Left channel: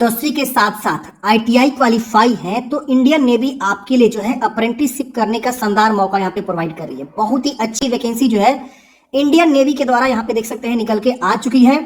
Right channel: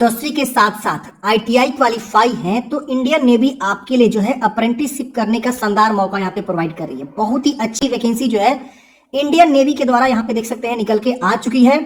10वीं के साथ साथ आईटीआई क्वालिफाई है तो इंडियन नेवी आपके लिए जो है अप्रेंटिसशिप करने का शानदार मौका यहाँ पे प्रोवाइड कर रही है। बहुत ही अच्छी वैकेंसी जो है इंडियन नेवी के द्वारा यहाँ पे देख सकते हैं निकल के आ चुकी है।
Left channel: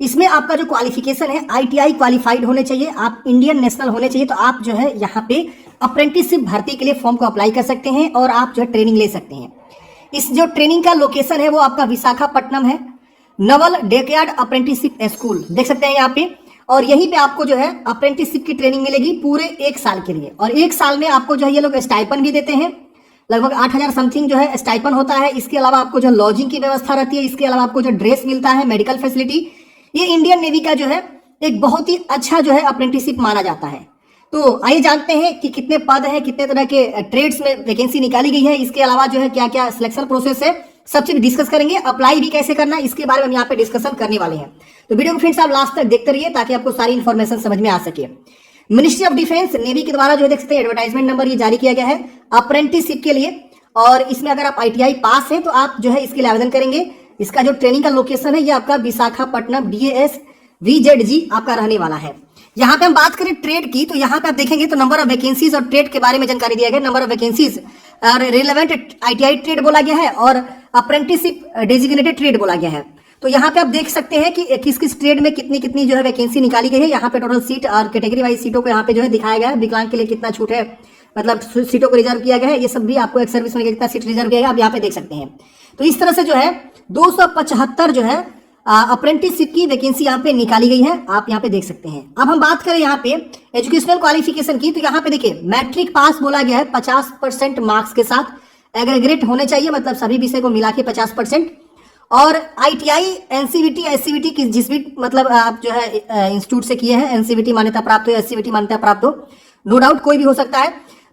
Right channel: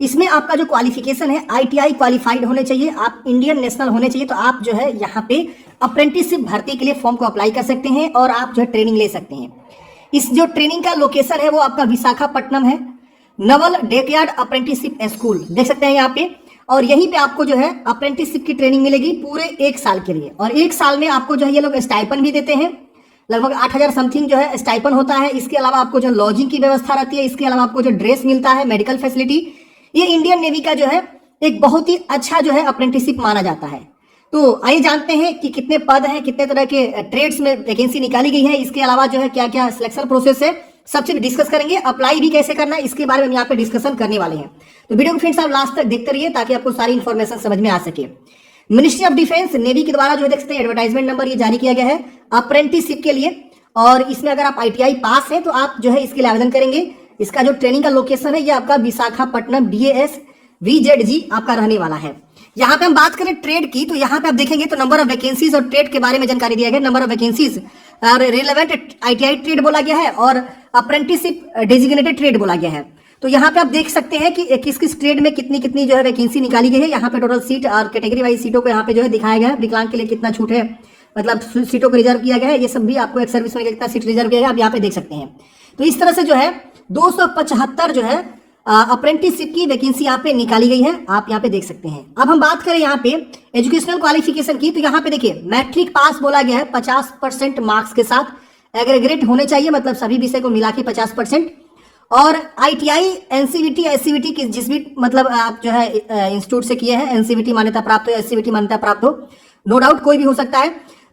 इसमें आपका जो क्वालिफिकेशन है आईटीआई क्वालिफाइड होने चाहिए, आप इंडियन नेशनल होने चाहिए, तो आप जो है यहाँ पे अप्रेंटिसशिप भर्ती के लिए फॉर्म को अप्लाई कर सकते हैं और आप जो है ट्रेनिंग ले सकते हैं। इस जो ट्रेनिंग का लोकेशन है वो आपका विशाखापट्टनम है। नवल डेकयार्ड अप्रेंटिसशिप स्कूल देख सकते हैं यहाँ पे, और यहीं पे आपको जो है अप्रेंटिसशिप की ट्रेनिंग मिलेगी पूरे 1 साल के लिए। और 1 साल में आपको जो है ये लोग स्टाइपन भी देते हैं, लगभग 8,000 समथिंग जो है स्टाइपन होता है। इसके अलावा आपको जो लॉजिंग की व्यवस्था रहती है, इसके अलावा आपको जो ड्रेस मिलता है, मेडिकल फैसिलिटी। ये इंडियन नेवी का जो है एक बहुत ही अच्छा जो है अप्रेंटिसशिप माना जाता है। तो आइए जानते हैं कि कितने पद हैं, कितने तरह के ट्रेड्स में वैकेंसी निकाली गई है, इसके अलावा जो है क्या क्या सिलेक्शन प्रोसेस है, सबसे डिस्कस करेंगे। अप्लाई भी कैसे करना है इसके बारे में हम यहाँ पे डिस्कशन करने वाले हैं। तो वीडियो को फ्रेंड्स आप लास्ट तक देखते रहिए ताकि आपको सारी इंफॉर्मेशन समझ में आ सके। मिनिस्ट्री ऑफ डिफेंस नेवी के द्वारा जो देख सकते हैं एडवर्टाइजमेंट नंबर ये जारी किया गया है अप्रेंटिसशिप के लिए, और इसमें अगर आप आईटीआई पास हैं तो आप जो है इसके लिए आवेदन करेंगे। इसका जो ट्रेनिंग का लोकेशन है ये आपका विशाखापट्टनम BAS VZG आपका रहने वाला है। यहाँ पे हम बात करें ट्रेड की तो यहाँ पे आप देखेंगे तो नंबर ऑफ वैकेंसीज और ट्रेड के बारे में जानकारी दिया गया। नंबर ऑफ वैकेंसीज और रिलेवेंट आईटीआई ट्रेड बोला गया है और अप्रेंटिसशिप डेजिग्नेटेड ट्रेड बोला गया है। तो यहाँ पे आप देख सकते हैं कि किस किस ट्रेड में कितनी कितनी जो है वैकेंसी निकाली गई है। यहाँ पे टोटल सीट और कैटेगरी वाइज सीटों को यहाँ पे जो है दिखाया गया है। विकलांग के लिए कितना छूट है, मतलब सीटों को रिजर्व किया गया है, ये सब भी आपको एक सर्विस में कितना सीट रिजर्व किया गया आप यहाँ पे देख सकते हैं। तो इस तरह से जो है 275 जो है अप्रेंटिसशिप की वैकेंसी यहाँ पे निकाली गई है, आप यहाँ पे देख सकते हैं। अब हम बात करें यहाँ पे एजुकेशनल क्वालिफिकेशन की तो यहाँ पे देखिए मैट्रिक पास बोला गया है 50% मार्क्स के साथ, एग्रीगेट होने चाहिए, मतलब सभी विषय को मिला के 50%। और आईटीआई एनसीवीटी एससीवीटी की जिस भी मतलब आप जो है इंस्टीट्यूट से किए हैं, एनसीवीटी मान्यता प्राप्त हो, एससीवीटी मान्यता प्राप्त हो, नो डाउट कोई भी हो सकता है,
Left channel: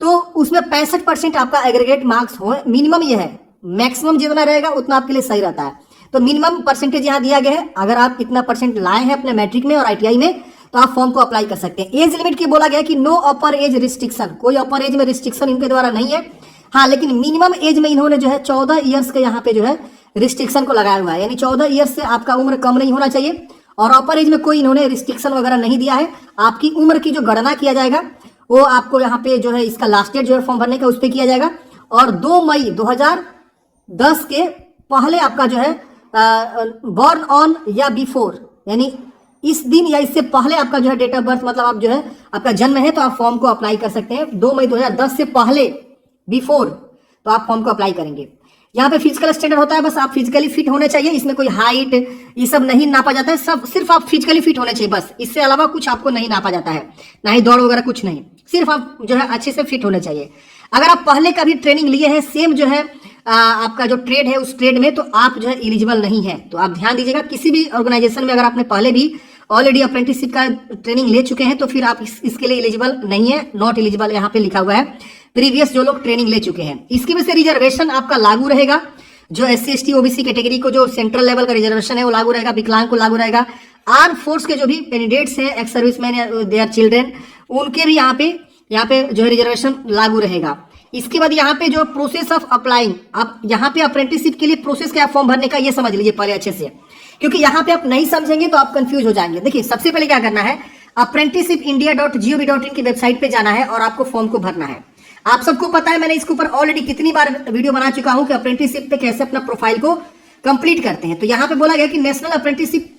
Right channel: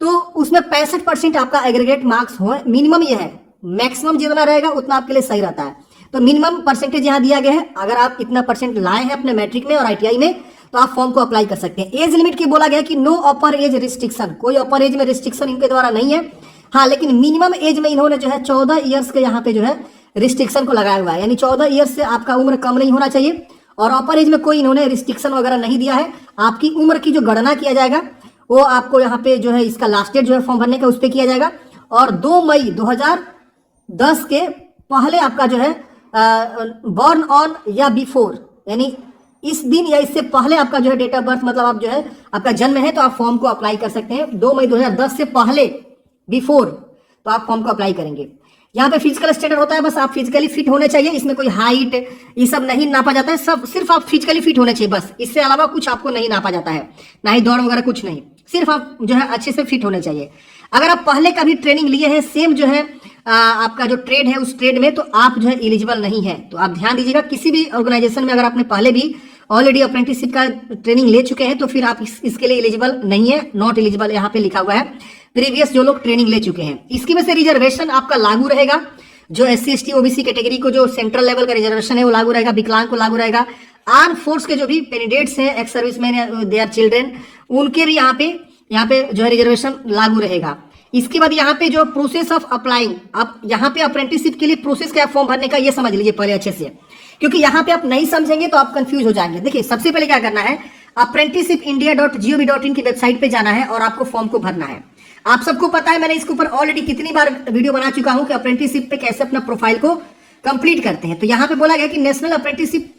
तो उसमें 65% आपका एग्रीगेट मार्क्स हो, मिनिमम ये है। मैक्सिमम जितना रहेगा उतना आपके लिए सही रहता है। तो मिनिमम परसेंटेज यहाँ दिया गया है। अगर आप इतना परसेंट लाए हैं अपने मैट्रिक में और आईटीआई में तो आप फॉर्म को अप्लाई कर सकते हैं। एज लिमिट की बोला गया कि नो अपर एज रिस्ट्रिक्शन, कोई अपर एज में रिस्ट्रिक्शन इनके द्वारा नहीं है। हाँ, लेकिन मिनिमम एज में इन्होंने जो है 14 ईयर्स के यहाँ पे जो है रिस्ट्रिक्शन को लगाया हुआ है, यानी 14 ईयर्स से आपका उम्र कम नहीं होना चाहिए। और अपर एज में कोई इन्होंने रिस्ट्रिक्शन वगैरह नहीं दिया है। आपकी उम्र की जो गणना किया जाएगा वो आपको यहाँ पे जो है इसका लास्ट डेट जो है फॉर्म भरने का उस पर किया जाएगा। और 2 मई 2010 के पहले आपका जो है बॉर्न ऑन या बिफोर, यानी इस दिन या इससे पहले आपका जो है डेट ऑफ बर्थ, मतलब आप जो है आपका जन्म है तो आप फॉर्म को अप्लाई कर सकते हैं। 2 मई 2010 से पहले बिफोर तो आप फॉर्म को अप्लाई करेंगे। यहाँ पे फिजिकल स्टैंडर्ड होता है, बस आप फिजिकली फिट होने चाहिए। इसमें कोई हाइट ये सब नहीं नापा जाता है, सब सिर्फ आप फिजिकली फिट होने चाहिए बस, इससे अलावा कुछ आपको नहीं नापा जाता है, ना ही दौड़ वगैरह कुछ नहीं, सिर्फ आप जो है अच्छे से फिट होने चाहिए। अगर आप पहले कभी ट्रेनिंग लिए हैं सेम जो है आपका जो ट्रेड है उस ट्रेड में तो आप जो है एलिजिबल नहीं है। तो आप ध्यान दीजिएगा, किसी भी ऑर्गेनाइजेशन में अगर आपने पहले भी ऑलरेडी अप्रेंटिसशिप का ट्रेनिंग ले चुके हैं तो फिर आप इसके लिए एलिजिबल नहीं है, नॉट एलिजिबल यहाँ पे लिखा हुआ है, प्रीवियस जो लोग ट्रेनिंग ले चुके हैं। इसकी वजह से रिजर्वेशन आपका लागू रहेगा, जो SC ST OBC कैटेगरी को जो सेंट्रल लेवल का रिजर्वेशन है वो लागू रहेगा, विकलांग को लागू रहेगा। आर्म फोर्स के जो भी कैंडिडेट्स हैं, ex serviceman, they are children, उनके भी यहाँ पे जो है रिजर्वेशन लागू रहेगा। इसके बाद यहाँ पे जो प्रोसेस ऑफ अप्लाइंग, आप यहाँ पे अप्रेंटिसशिप के लिए प्रोसेस क्या फॉर्म भरने का ये समझ लीजिए पहले अच्छे से, क्योंकि यहाँ पे आप नहीं समझेंगे तो आप कंफ्यूज हो जाएंगे। देखिए सबसे पहले क्या करना है, apprenticeshipindia.gov.in की वेबसाइट पे जाना है और आपको फॉर्म को भरना है। आप सबको पता है, मैंने इसके ऊपर ऑलरेडी कितनी बार वीडियो बना चुका हूँ कि अप्रेंटिसशिप पे कैसे अपना प्रोफाइल को कंप्लीट करते हैं। तो यहाँ पे बोला गया कि national apprenticeship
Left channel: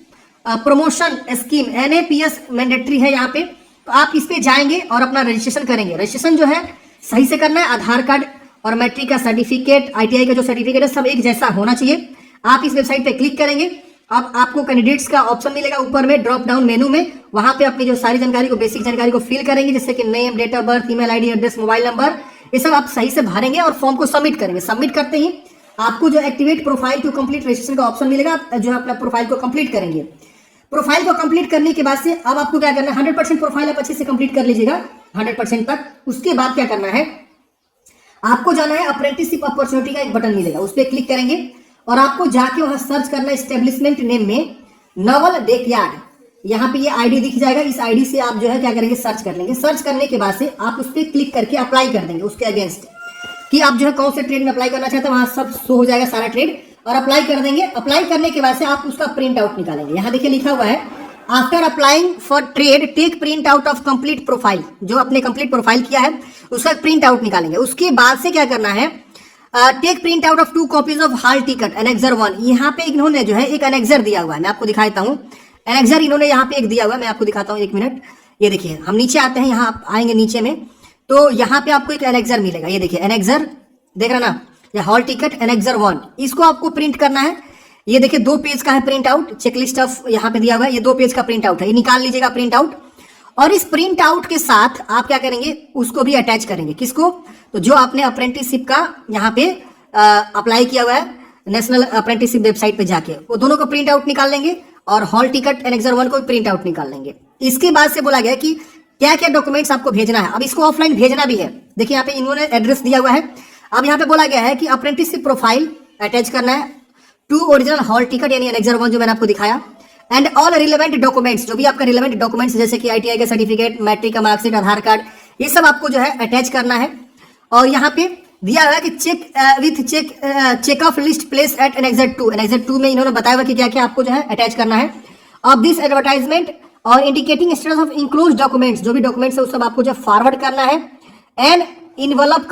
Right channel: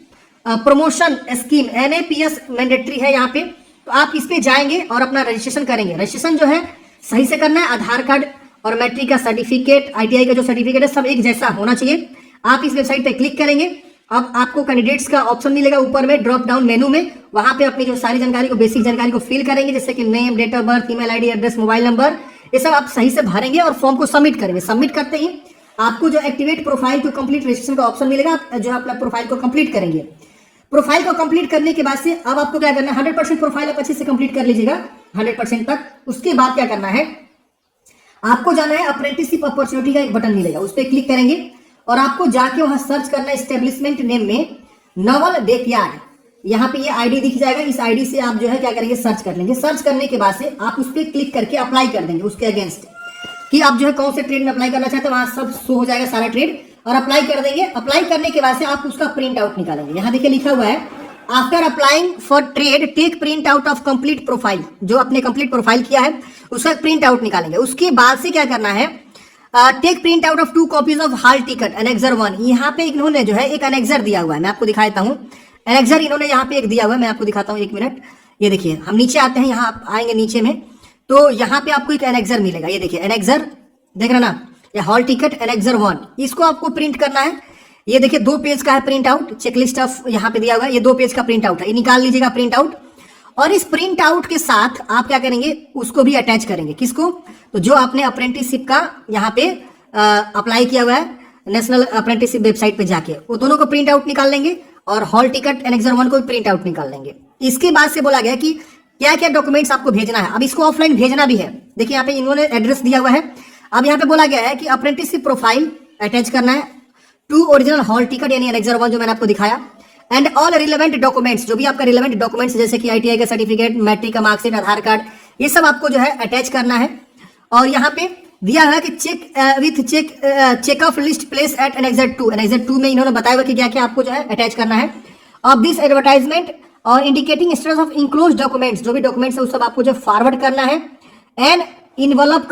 promotion scheme NAPS mandatory है यहाँ पे, तो आप इस पे जाएंगे और अपना रजिस्ट्रेशन करेंगे। रजिस्ट्रेशन जो है सही से करना है, आधार कार्ड और मैट्रिक का सर्टिफिकेट, आईटीआई का जो सर्टिफिकेट है सब एक जैसा होना चाहिए। आप इस वेबसाइट पे क्लिक करेंगे, अब आपको कैंडिडेट्स का ऑप्शन मिलेगा ऊपर में ड्रॉप डाउन मेनू में, वहां पे अपनी जो सारी जानकारी को, बेसिक जानकारी को फिल करेंगे, जैसे कि name, date of birth, email ID, address, mobile number, ये सब आप सही से भरेंगे और फॉर्म को सबमिट करेंगे। सबमिट करते ही आपको जो activate profile to complete register का ऑप्शन मिलेगा, जो अपना प्रोफाइल को कंप्लीट करेंगे। प्रोफाइल को कंप्लीट करने के बाद से अब आपको क्या करना है, 100% प्रोफाइल आप अच्छे से कंप्लीट कर लीजिएगा 100% तक। उसके बाद क्या करना है, आपको जाना है अप्रेंटिसशिप अपॉर्चुनिटी का एक बटन मिलेगा, उस पर क्लिक करेंगे और आपको जाके वहां सर्च करना है एस्टेब्लिशमेंट नेम में नवल डेकयार्ड। यहाँ पे ये आईडी दिख जाएगा, इस आईडी से आप जो है क्या करेंगे, सर्च कर लेंगे। सर्च करने के बाद से आप उस पर क्लिक करके अप्लाई कर देंगे उसके अगेंस्ट, कि आप जो है कौन से ट्रेड में अप्लाई करना चाहते हैं, वहां सब शो हो जाएगा सारा ट्रेड, और अप्लाई कर देंगे। अप्लाई करने के बाद से आप उसका प्रिंट आउट निकालेंगे। यहाँ देखिए लिखा हुआ है after applying for trade take print out of complete profile, जो आपने कंप्लीट प्रोफाइल किया है उसका प्रिंट आउट निकालेंगे। उसके बाद से क्या करना है, take print out of 2 copies of hall ticket annexure 1। यहाँ पे इन्होंने जो है एक एनेक्सर दिया हुआ है, मैं आपको दिखाता हूँ। एनेक्सर इन्होंने यहाँ पे एक दिया हुआ है, मैं आपको दिखाता हूँ, 1 मिनट। ये देखिए, हम नीचे आते हैं, यहाँ आप आएंगे नीचे में, तो यहाँ पे आपको एक एनेक्सर मिलेगा। ये देखिए एनेक्सर, देख रहे ना, ये हॉल टिकट एनेक्सर 1, इसको आपको प्रिंट करना है। ये देखिए 2 पेज का है प्रिंट आउट, चेकलिस्ट ऑफ यहाँ पे दिया हुआ है, ये 2 पेज का प्रिंट आउट है, ये निकाल लीजिएगा प्रिंट आउट। और इस प्रिंट आउट के साथ आप क्या करेंगे, उसको भी अटैच करेंगे। किसको, तो जो आपने अप्रेंटिसशिप का यहाँ पे अप्लाई किया हुआ है नेशनल अप्रेंटिसशिप वेबसाइट पे जाके, वो दोनों को प्रिंट आउट निकाल लेंगे और हॉल टिकट एनेक्सर 1 को प्रिंट आउट निकाल लेंगे। इसके बाद से बोला गया कि क्या क्या डॉक्यूमेंट्स आपको भेजना है। अब इसको ऑफलाइन भेजना भी है, देखिए यहाँ पे इन्होंने एड्रेस दिया हुआ है। अब यहाँ पे बोला गया है कि अप्रेंटिसशिप प्रोफाइल अटैच करना है, 2 ओरिजिनल हॉल टिकट यानी एनेक्सर 1 जो मैंने आपको दिखाया, एंड ऑल रिलेवेंट डॉक्यूमेंट्स, जो भी आपका रिलेवेंट डॉक्यूमेंट्स जैसे कि आईटीआई का सर्टिफिकेट, मैट्रिक का मार्कशीट, आधार कार्ड, ये सब आपको जो है अटैच करना है। और यहाँ पे दिया है कि check of list place at annexure 2। Annexure 2 में इन्होंने बताया हुआ कि क्या क्या आपको जो है अटैच करना है। ऑफ दिस एडवर्टाइजमेंट और indicating status of enclose documents, जो भी डॉक्यूमेंट्स है वो सब आपको जो फॉरवर्ड करना है। एंड इन्वेलप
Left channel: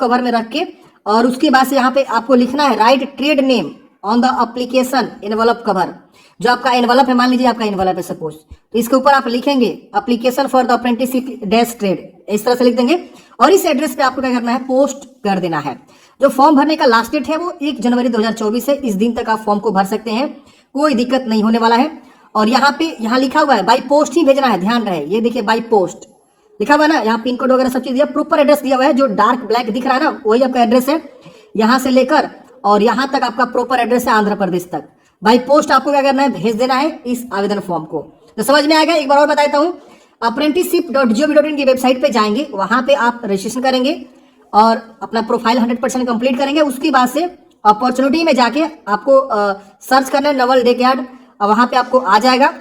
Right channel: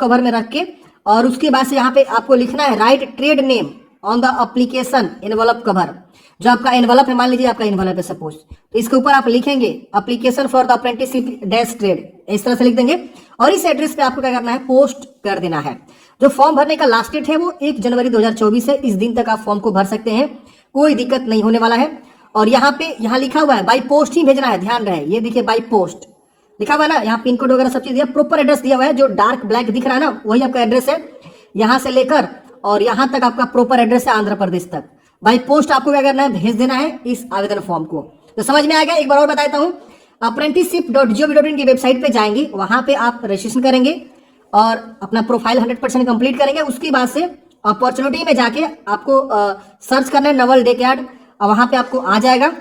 कवर में रख के, और उसके बाद से यहाँ पे आपको लिखना है right trade name on the application envelope cover. जो आपका इन्वेलप है, मान लीजिए आपका इन्वेलप है सपोज, तो इसके ऊपर आप लिखेंगे application for the apprenticeship dash trade, इस तरह से लिख देंगे। और इस एड्रेस पे आपको क्या करना है, पोस्ट कर देना है। जो फॉर्म भरने का लास्ट डेट है वो 1 जनवरी 2024 है। इस दिन तक आप फॉर्म को भर सकते हैं, कोई दिक्कत नहीं होने वाला है। और यहाँ लिखा हुआ है बाई पोस्ट ही भेजना है, ध्यान रहे, ये देखिए बाई पोस्ट लिखा हुआ है ना, यहाँ पिन कोड वगैरह सब चीज दिया, प्रॉपर एड्रेस दिया हुआ है। जो डार्क ब्लैक दिख रहा है ना, वही आपका एड्रेस है, यहाँ से लेकर और यहाँ तक आपका प्रॉपर एड्रेस है, आंध्र प्रदेश तक। बाई पोस्ट आपको क्या करना है, भेज देना है इस आवेदन फॉर्म को। तो समझ में आएगा। एक बार और बता देता हूँ, apprenticeship.gov.in की वेबसाइट पे जाएंगे, वहां पे आप रजिस्ट्रेशन करेंगे और अपना प्रोफाइल 100% कंप्लीट करेंगे। उसके बाद से अपॉर्चुनिटी में जाके आपको सर्च करना है नवल डेकयार्ड, वहां पे आपको आ जाएगा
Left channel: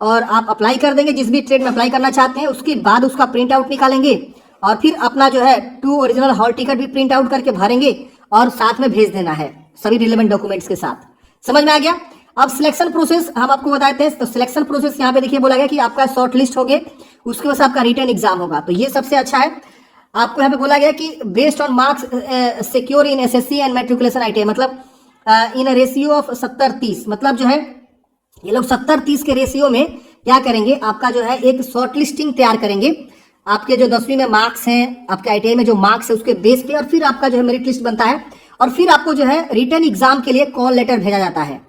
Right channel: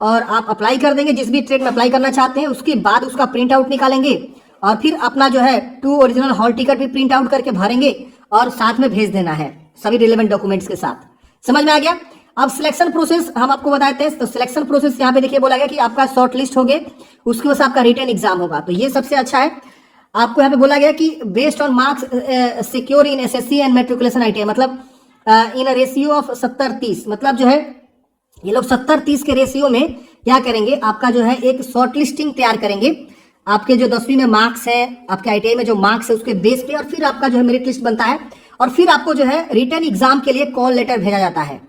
और आप अप्लाई कर देंगे जिस भी ट्रेड में अप्लाई करना चाहते हैं। उसके बाद उसका प्रिंट आउट निकालेंगे और फिर अपना जो है 2 ओरिजिनल हॉल टिकट भी प्रिंट आउट करके भरेंगे और साथ में भेज देना है सभी रिलेवेंट डॉक्यूमेंट्स के साथ। समझ में आ गया। अब सिलेक्शन प्रोसेस हम आपको बताते हैं। तो सिलेक्शन प्रोसेस यहाँ पे देखिए बोला गया कि आपका शॉर्ट लिस्ट हो गए, उसके बाद आपका रिटर्न एग्जाम होगा। तो ये सबसे अच्छा है। आपको यहाँ पे बोला गया कि based on marks secure in SSC and matriculation ITI, मतलब इन रेशियो ऑफ 70-30, मतलब जो है ये लोग 70-30 के रेशियो में क्या करेंगे, आपका जो है एक शॉर्ट लिस्टिंग तैयार करेंगे। आपके जो 10वीं में मार्क्स हैं, आपके आईटीआई में जो मार्क्स है उसके बेस पे, और फिर आपका जो है मेरिट लिस्ट बनता है और फिर आपको जो है रिटर्न एग्जाम के लिए कॉल लेटर भेजा जाता है।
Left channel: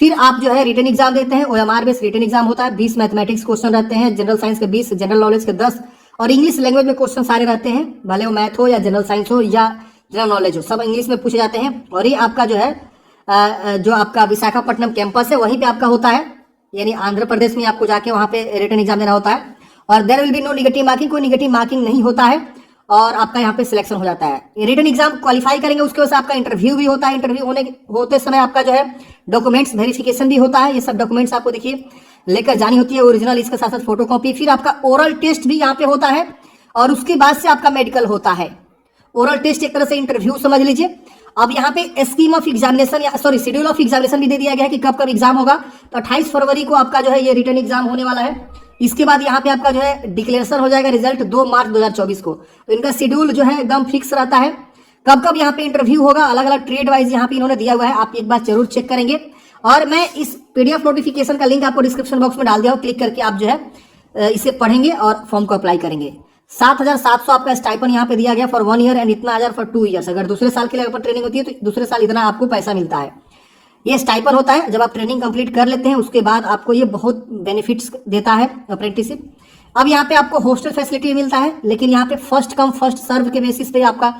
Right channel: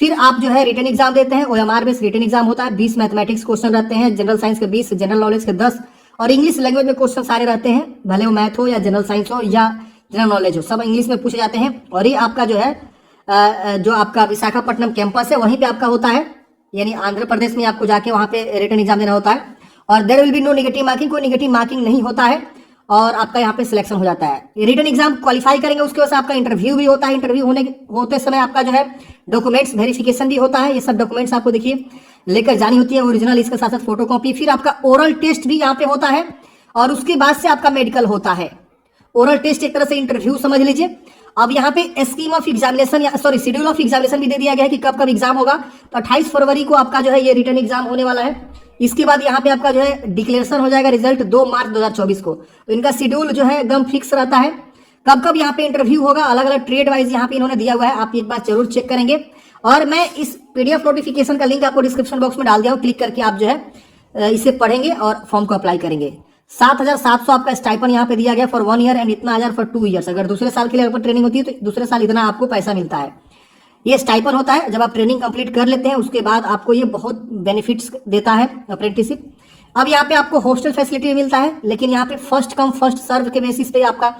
फिर आप जो है रिटर्न एग्जाम देते हैं। ओएमआर बेस्ड रिटर्न एग्जाम होता है। 20 मैथमेटिक्स क्वेश्चन रहते हैं, जनरल साइंस के 20, जनरल नॉलेज के 10 और इंग्लिश लैंग्वेज में क्वेश्चन सारे रहते हैं, भले वो मैथ हो या जनरल साइंस हो या जनरल नॉलेज हो, सब इंग्लिश में पूछे जाते हैं। और ये आपका जो है जो आपका विशाखापट्टनम कैंपस है वहीं पे आपका होता है, यानी आंध्र प्रदेश में आपको जाके वहां पे रिटर्न एग्जाम देना होता है। और there will be no negative marking, कोई नेगेटिव मार्किंग नहीं होता है और आपका यहाँ पे सिलेक्शन हो जाता है। रिटर्न एग्जाम क्वालिफाई करेंगे, उसके बाद आपका इंटरव्यू भी होता है। इंटरव्यू होते समय आपका जो है डॉक्यूमेंट्स वेरिफिकेशन भी होता है। ये सब डॉक्यूमेंट्स आपको देखिए लेकर जानी होती है, ओरिजिनल, इसके साथ साथ फोटोकॉपी। फिर आपका ओरल टेस्ट भी यहाँ पे होता है और उसके बाद से आपका मेडिकल होता है। ओरल टेस्ट एक तरह से इंटरव्यू समझ लीजिए। अब यहाँ पे स्कीम ऑफ एग्जामिनेशन या सॉरी शेड्यूल ऑफ एग्जामिनेशन भी दे दिया गया है कि कब कब एग्जाम होगा। तो 28 फरवरी को आपका जो है ये रिटर्न एग्जाम होने वाला है। इसके बाद यहाँ पे आपका जो है डिक्लेरेशन हो जाएगा, रिजल्ट 2 मार्च 2024 को। तो इनका शेड्यूल जो है एकदम फिक्स रहता है, कब कब यहाँ पे इंटरव्यू होगा, अलग अलग ट्रेड वाइज यहाँ पे इन्होंने दिया हुआ है। आप एक बार जरूर चेक करेंगे और मैं इस पीडीएफ नोटिफिकेशन का लिंक आपको डिस्क्रिप्शन बॉक्स में डाल दिया हूँ। क्लिक करके आप जो है इसे पढ़ेंगे और फॉर्म को अप्लाई करेंगे। 7,700 आपका स्टाइपन यहाँ पे दिया गया फॉर 1 ईयर एंड इतना 1000 फॉर 2 ईयर्स। अगर दूसरे साल के लिए ट्रेनिंग होती है तो दूसरे साल इतना आपको पैसा मिलता है। ये स्टाइपन होता है जब आप ट्रेनिंग कंप्लीट कर लेते हैं, उसके बाद आपको ये बहुत बेनिफिट्स देता है अप्रेंटिसशिप। अब यहाँ पे आपको हॉस्टल फैसिलिटी मिलता है, लेकिन यहाँ पे फर्स्ट कम फर्स्ट सर्व के बेसिस पे आपका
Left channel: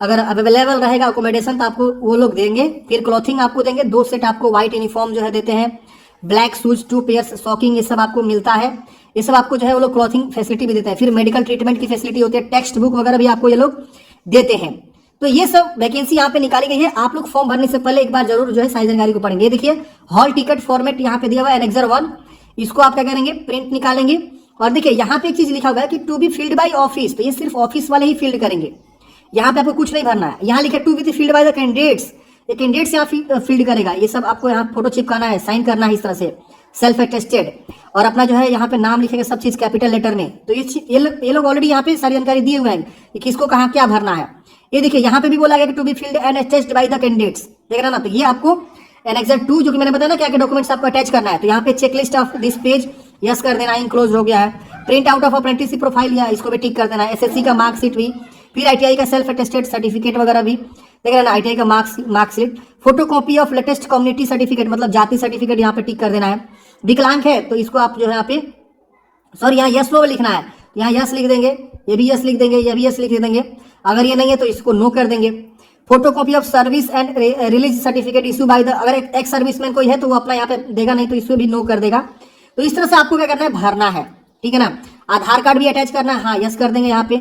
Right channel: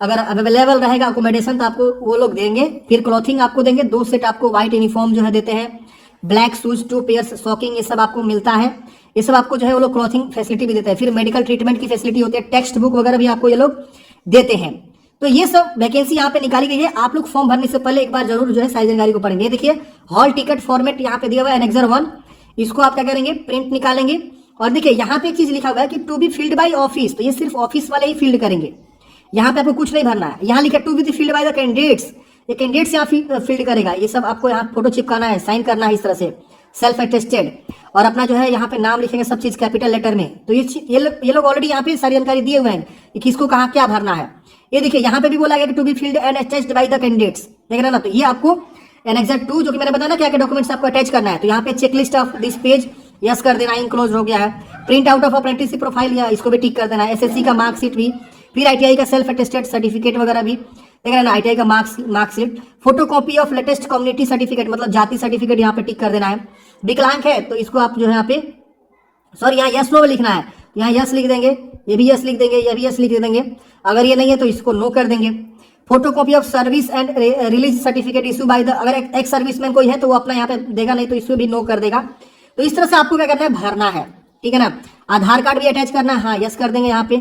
अगर अवेलेबल रहेगा अकोमोडेशन तो आपको वो लोग देंगे। फिर क्लॉथिंग आपको देंगे, 2 सेट आपको व्हाइट यूनिफॉर्म जो है देते हैं, ब्लैक शूज, 2 पेयर्स सॉकिंग, ये सब आपको मिलता है। ये सब आपको जो है वो लोग क्लॉथिंग फैसिलिटी भी देते हैं। फिर मेडिकल ट्रीटमेंट की फैसिलिटी होती है, टेक्स्ट बुक वगैरह भी आपको ये लोग देते हैं। तो ये सब वैकेंसी यहाँ पे निकाली गई है। आप लोग फॉर्म भरने से पहले एक बार जरूर जो है सारी जानकारी को पढ़ेंगे। ये देखिए हॉल टिकट फॉर्मेट यहाँ पे दिया हुआ है एनेक्सर 1, इसको आप क्या करेंगे, प्रिंट निकालेंगे। और देखिए यहाँ पे एक चीज लिखा हुआ है कि to be filled by office, तो ये सिर्फ ऑफिस वाले ही फील्ड करेंगे, यहाँ पे आपको कुछ नहीं भरना है। यहाँ लिखा to be filled by the candidates, ये कैंडिडेट्स यहाँ फील्ड करेगा। ये सब आपको यहाँ फोटो चिपकाना है, साइन करना है इस तरह से। सेल्फ अटेस्टेड, और अपना जो है यहाँ पे नाम लिखेंगे सब चीज कैपिटल लेटर में। तो ये लोग ऑलरेडी यहाँ पे सारी जानकारी दिए हुए हैं कि किसको कहाँ क्या भरना है। ये देखिए यहाँ पे भी बोला गया कि to be filled and attached by the candidates, देख रहे ना। तो ये आपको एनेक्सर 2 जो कि मैंने बताया ना क्या क्या डॉक्यूमेंट्स आपको अटैच करना है, तो यहाँ पे checklist of this page yes कर देना, इनक्लोज हो गया है। Print out of apprenticeship profile या इसको भी टिक कर देना है। एसएससी का मार्कशीट भी, फिर आईटीआई का सेल्फ अटेस्टेड सर्टिफिकेट वगैरह भी, देख रहे ना, आईटीआई का marksheet, photocopy of latest community certificate मतलब जाति सर्टिफिकेट यहाँ पे टिक कर देना है। विकलांग है तो इसको आप जो है यहाँ पे सॉरी यहाँ यस नो लिखना है, यहाँ यस लिख देंगे, ये भी यस लिख देंगे, ये भी यस लिख देंगे। अगर ये नहीं है तो इसको नो कर देंगे। Photocopy of service and release certificate issue by the, अगर एक्स सर्विसमैन कोई है तो वो अपना यहाँ पे देगा, नहीं तो इसको भी नो कर देगा। तो इस तरह से आपको क्या करना है, भरना है, ठीक है ना। आधार कार्ड भी अटैच करना है, हाँ यस कर देंगे यहाँ पे।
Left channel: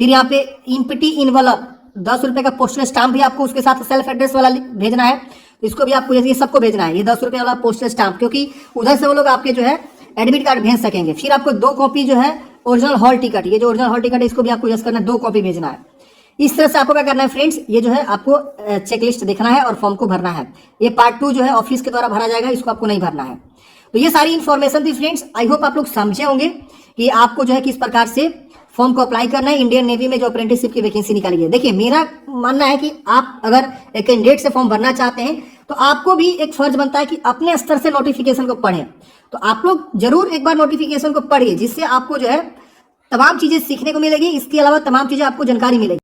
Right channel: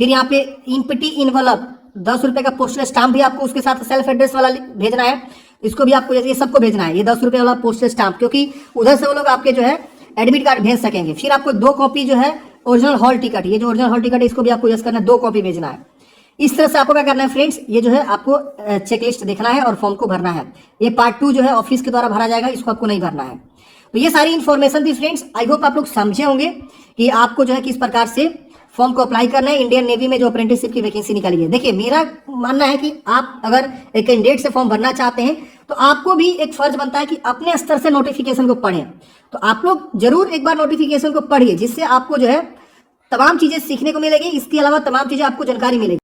फिर यहाँ पे इनपिटी इनवलप 10 रुपए का पोस्टल स्टाम्प भी आपको उसके साथ सेल्फ एड्रेस वाला भेजना है, इसको भी आपको ये सबको भेजना है, ये 10 रुपए वाला पोस्टल स्टाम्प, क्योंकि उधर से वो लोग आपके जो है एडमिट कार्ड भेज सकेंगे। फिर आपको 2 कॉपी जो है ओरिजिनल हॉल टिकट, ये जो ओरिजिनल हॉल टिकट है इसको भी आपको यस करना है, 2 कॉपी भेजना है। इस तरह से आपको क्या करना है फ्रेंड्स, ये जो है आपको चेकलिस्ट देखना है और फॉर्म को भरना है। ये पार्ट 2 जो है ऑफिस के द्वारा भरा जाएगा, इसको आपको नहीं भरना है। तो ये सारी इन्फॉर्मेशन थी फ्रेंड्स। आई होप आप लोग समझे होंगे कि आपको जो है किस प्रकार से फॉर्म को अप्लाई करना है इंडियन नेवी में जो अप्रेंटिसशिप की वैकेंसी निकली है। देखिए मेरा मानना है कि आप अगर एक कैंडिडेट से फॉर्म भरना चाहते हैं तो आपको भी एक फर्ज बनता है कि अपने स्तर से नोटिफिकेशन को पढ़ें। तो आप लोग जरूर एक बार नोटिफिकेशन को पढ़िए, जिससे आपको जो है तमाम चीजें सीखने को मिलेगी, इसके अलावा तमाम चीजें आपको जानकारी मिलेगी।